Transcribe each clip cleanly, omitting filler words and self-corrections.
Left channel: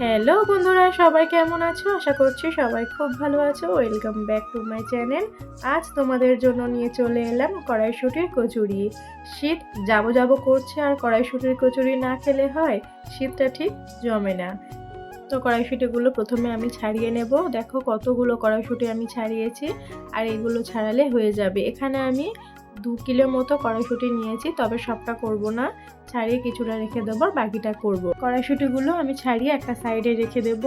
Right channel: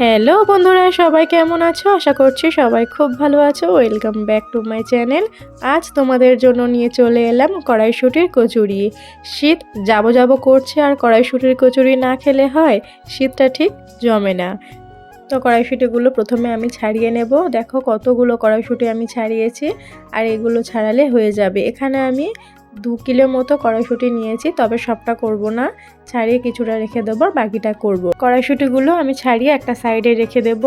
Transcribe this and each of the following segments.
Hello বন্ধুরা, সবাই কেমন আছো? আশা করছি সবাই খুব ভালো আছো। Welcome back to my channel. আজ তোমাদের জন্য নিয়ে চলে এলাম কড়াইশুঁটির কচুরি। শীত যাবো যাবো করছে আর কড়াইশুঁটির কচুরি না খেলে হয়? শীতটা ঠিক জমে না। তো কড়াইশুঁটিগুলো প্রথমে আমি ছাড়িয়ে নেব। দেখো কতগুলো কড়াইশুঁটি আমি ছাড়িয়েছি, আর এগুলো ছাড়ালে হয়ে যাবে। এখানে আমি 2 কিলো মতো কড়াইশুঁটি নিয়েছি, তবে সবটা করব না, ছাড়িয়ে কিছুটা রেখে দেবো, বাকিটা করব। কড়াইশুঁটিগুলো আমি ছাড়িয়ে একটা সাইডে রেখে দেব।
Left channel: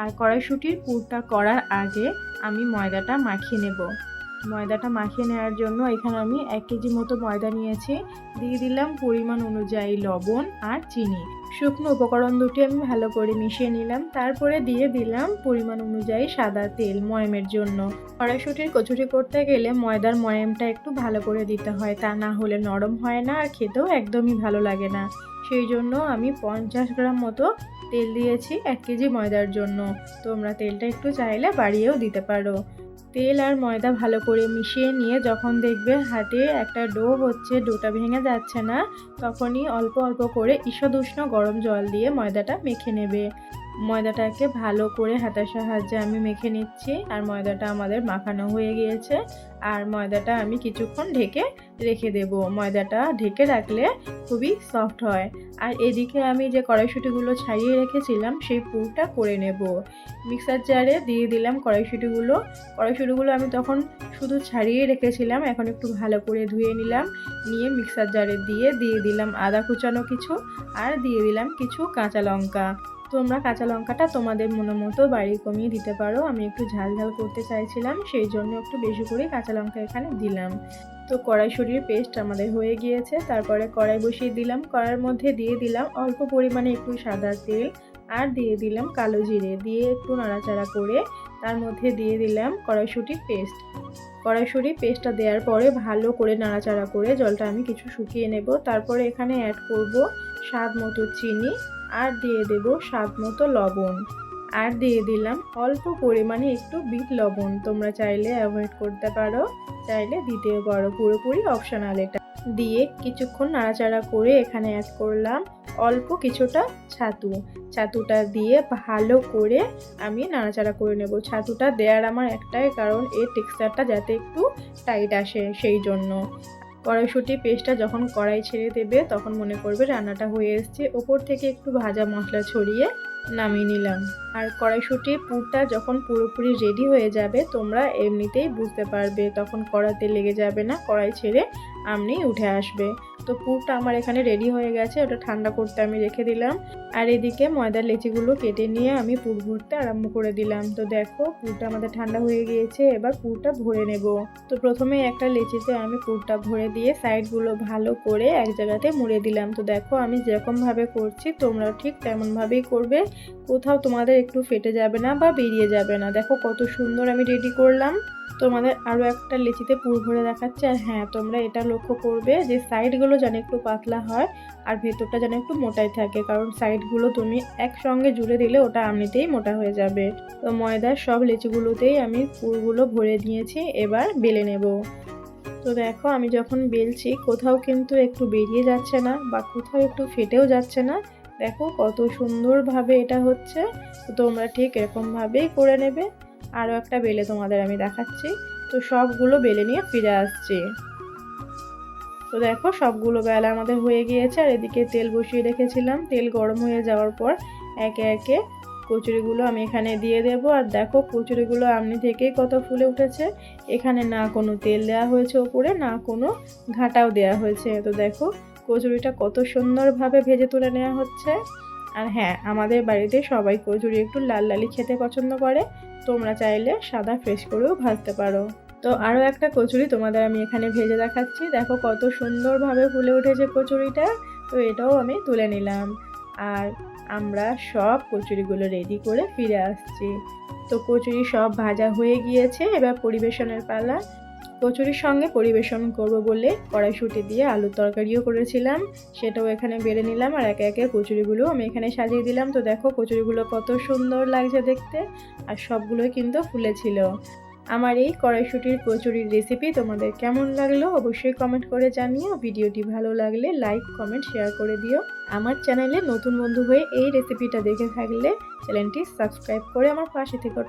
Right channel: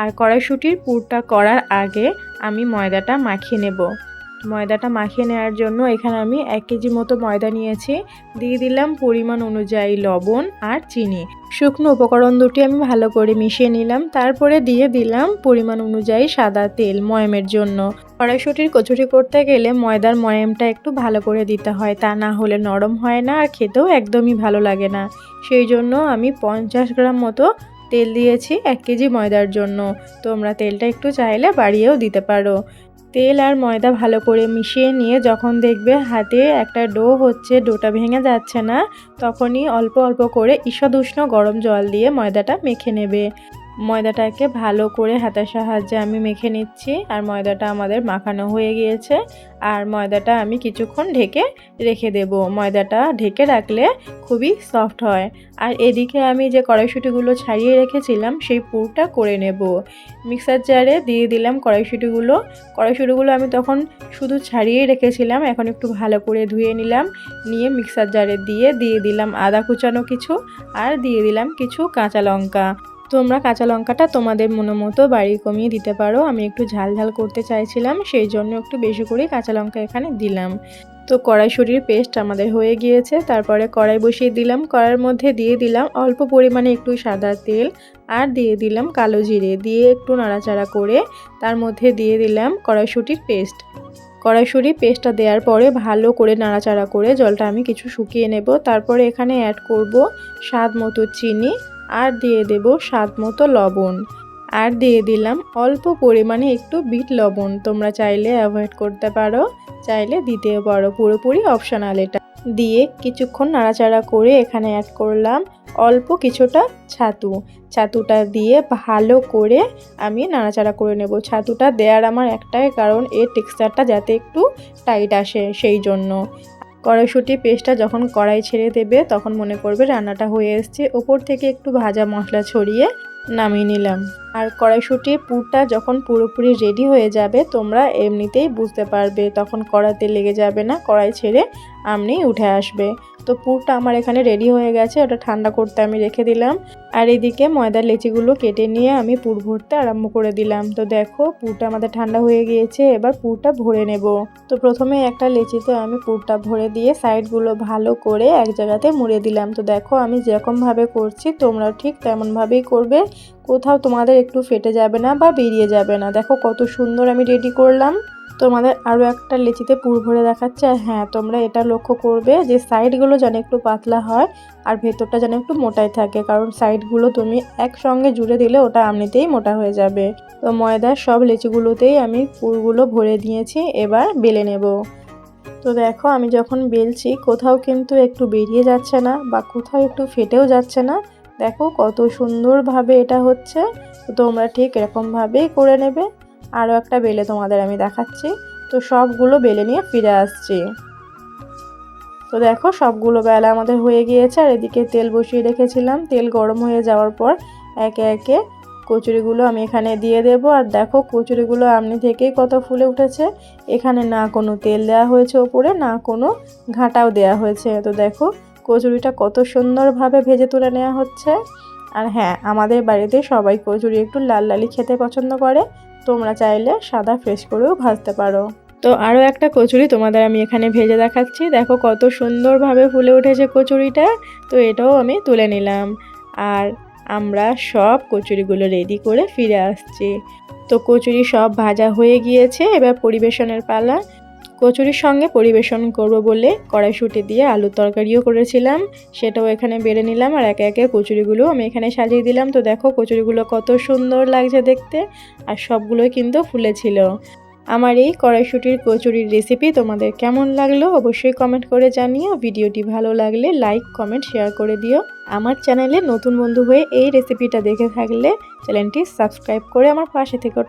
আর কড়াইশুঁটির পুরটা করার আগে আমি ময়দাটা মাখিয়ে নেব। ময়দাটা মাখিয়ে নেওয়ার জন্য এখানে আমি 1 কেজি মতো ময়দা নিয়েছি। দিয়ে দিলাম পরিমাণ অনুযায়ী লবণ আর চিনি। শুকনো উপকরণ দুটি আমি ভালো করে মিশিয়ে নিলাম। তারপরে দিয়ে দিলাম পরিমাণ অনুযায়ী সাদা তেল ময়ামের জন্য। কড়াইশুঁটির কচুরি করতে গেলে ময়দার ময়ামটা একটু ভালো করে দিতে হয়, তা না হলে নরম হয় না আর খেতেও একদমই ভালো লাগে না। সেই জন্য আমি 50 গ্রাম মতো তেল দিয়েছি 1 কেজি ময়দার জন্য। তোমরা তেলটা একটু চাইলে বাড়িয়েও দিতে পারো। তেল আর ময়দা ভালো করে মিশিয়ে নিয়ে যখন দেখবে হাতে একটা ডো হচ্ছে, ডোটা ভেঙে যাচ্ছে না, তখনই অল্প অল্প করে ঈষৎ উষ্ণ গরম জল দিয়ে ময়দাটা মেখে নেবে। ময়দাটাকে ভালো করে হাতের সাহায্যে আমি মেখে নিচ্ছি। আর ময়দাটা আমাদের মাখানো হয়ে গিয়েছে। আর ময়দাটা আমি কিছুক্ষণ ঢেকে রেখে দেব। ময়দাটা ঢেকে রাখলে খুবই সফট হয়। আর এদিকে আমি যে কড়াইশুঁটিগুলো ছাড়িয়ে রেখেছিলাম সেই পুরটা করে নেব। মিক্সার জারে দিয়ে দিলাম কড়াইশুঁটিগুলো আমি তখন শুধু ছাড়িয়েই রেখেছিলাম, এখন একটু ভালো করে ধুয়ে নিলাম। নিয়ে মিক্সার জারে দিয়ে দিলাম আদা কুচানো কিছু, আর দিয়ে দিলাম কিছু কাঁচা লঙ্কা। তোমরা কাঁচা লঙ্কাটা তোমাদের মনে মতো বাড়িয়ে কমিয়ে দিতে পারো। আমি একটু ঝাল ঝাল করতে চাইছিলাম, সেই জন্য একটু বেশি করে কাঁচা লঙ্কা এখানে দিলাম। তো কড়াইশুঁটির পেস্ট আমাদের হয়ে গিয়েছে। তারপরে কড়াই বসিয়ে দিলাম। কড়াইয়ের মধ্যে দিয়ে দিলাম অল্প পরিমাণে একটু সাদা তেল, আর দিয়ে দিলাম কালো জিরে, দিয়ে একটু নাড়াচাড়া করে তার মধ্যে দিয়ে দিলাম কড়াইশুঁটির পেস্টটা দেওয়ার পরে ভালো করে নাড়াচাড়া করে জলটা আমি কিছু শুকিয়ে নেব। তারপরে এখানে অ্যাড করব স্বাদ মতো চিনি, আর দিয়ে দেব স্বাদ মতো লবণ, আর দিয়ে দিলাম অল্প পরিমাণে একটু বিট লবণ। তোমরা চাইলে অ্যাভয়েড করতে পারো, চাইলে দিতেও পারো, পুরোপুরি অপশনাল এটা। দিয়ে কিছুক্ষণ নাড়াচাড়া করে এখানে অ্যাড করলাম অল্প কিছুটা ছাতুটা দিয়ে ভালো করে আমি নাড়াচাড়া করে নেব। ছাতুটা দেওয়ার আমার একটাই কারণ, এর টেক্সচারটা যাতে একটু টাইট আসে, সেই জন্য। কড়াইশুঁটি পেস্টটা যখন কড়াই ছেড়ে দেবে তখন মনে করবে রান্নাটা হয়ে এসছে। ওপর থেকে একটু ভাজা মশলা ছড়িয়ে নামিয়ে নিলাম। আর কড়াইশুঁটির পুরটা যখন পুরোপুরি রেডি হয়ে যাবে তোমরা এমনিতেই বুঝতে পারবে, তখন কড়াইতে লেগে যাবে না, কড়াই ছেড়ে আমনি উঠে আসবে। তো পুরটা আমার এখানে রেডি হয়ে গেছে, ওটা ঠান্ডা করতে আমি রেখে দিলাম। আর এদিকে ময়দার লেচিগুলো কেটে নিয়ে আমি পুর ভরতে আরম্ভ করে দিলাম। তো দেখো পুরটা আমাদের ঠান্ডা হয়ে গিয়েছে, এবার পুরটা ভরে নেব। তো প্রথমে একটা লেচিতে আমি পুরটা ভরে দিয়ে সাইডগুলো ভালো করে এক জায়গাতে মুড়ে দিলাম। তো দেখো আমি যেরকমভাবে করছি তোমরা ঠিক তেমনভাবেই করবে, কোথাও তোমাদের একটু ফেটে যাবে না বা বেরিয়ে যাবে না। দেখো কত সুন্দর আমি রেডি করলাম। তোমাদের আরও একটা লেচিতে পুর ভরে দেখাচ্ছে। আর হ্যাঁ, তোমরা এটা লক্ষ্য করবে যে সাইডগুলো যেন একটু পাতলা হয় আর ভেতরটা যেন একটু মোটাই থাকে, কারণ সাইডগুলো তুমি একসঙ্গে জুড়ে দিলে ওটা এমনিতেই মোটা হয়ে যাবে। তো ময়দার সব লেচিগুলোতেই আমি পুরগুলো ভরে দিয়েছি, এবার বেলে নেব। তো দেখো আমি যখন বেলছি কোথাও কিন্তু একটু বেরিয়ে যাচ্ছে না বা কোথাও একটু ফেটেও যাচ্ছে না। দেখো কত সুন্দরভাবে এটা হচ্ছে। তো তোমরা ঠিক এরকমভাবেই করে নেবে। আরও একটা বেলে তোমাদের আমি দেখাচ্ছি। তো সবগুলো বেলে নিয়ে ফিরে আসছি। তো দেখো সবগুলো বেলা আমাদের হয়ে গিয়েছে। আর এদিকে তেল বসিয়ে রেখেছিলাম, তেল গরম হয়ে যাওয়ার পর একে একে কচুরিগুলো আমি এখানে দিয়ে দেব। আর দেখো কচুরিগুলো এমনি থেকেই কত ফুলে উঠেছে। এখানে না কোনো তেল দেওয়া হয়েছে ওপরে, না কোনো ঘাটাও দেওয়া হয়েছে। তো দেখো কচুরিটা কত সুন্দরভাবে ভেজে তুলে নেওয়া হচ্ছে। আর হ্যাঁ, আমাদের বাড়িতে সবাই কচুরি একটু লাল লালি খেতে পছন্দ করে। তোমরা চাইলে সাদা ফ্রেশ করেও ভাজতে পারো। তো আরও একটা কচুরি তোমাদের আমি এখানে ভেজে দেখাচ্ছি। দেখো কত সুন্দরভাবে ফুলে উঠেছে কচুরিটা। তো এটাও আমি তুলে নিলাম। আর আমরা সব কচুরিগুলো রেডি করে ফিরে আসছি। তো কচুরি সব ভাজা হয়ে গিয়েছে, এবার পরিবেশনের পালা। কচুরির সঙ্গে পরিবেশন করব বলে কড়াইশুঁটি দিয়ে আলুর তরকারিও করেছিলাম, সেটাও এখানে বেড়ে নিলাম। আর একে একে কচুরিগুলো আমি এখানে সাজিয়ে দিলাম। তো দেখো কচুরিগুলো কত সুন্দর লাগছে দেখতে, আর সবগুলোই কিন্তু ফুলেছিল। আমার এই কড়াইশুঁটির কচুরির রেসিপি তোমাদের কেমন লাগলো অবশ্যই কমেন্ট করে জানিও। ভিডিওটি ভালো লাগলে লাইক কমেন্ট শেয়ার করে দিও। আমার চ্যানেলে নতুন বন্ধু হয়ে এই রেসিপিটা দেখে থাকলে চ্যানেলটি সাবস্ক্রাইব করে আমার পাশে থেকো।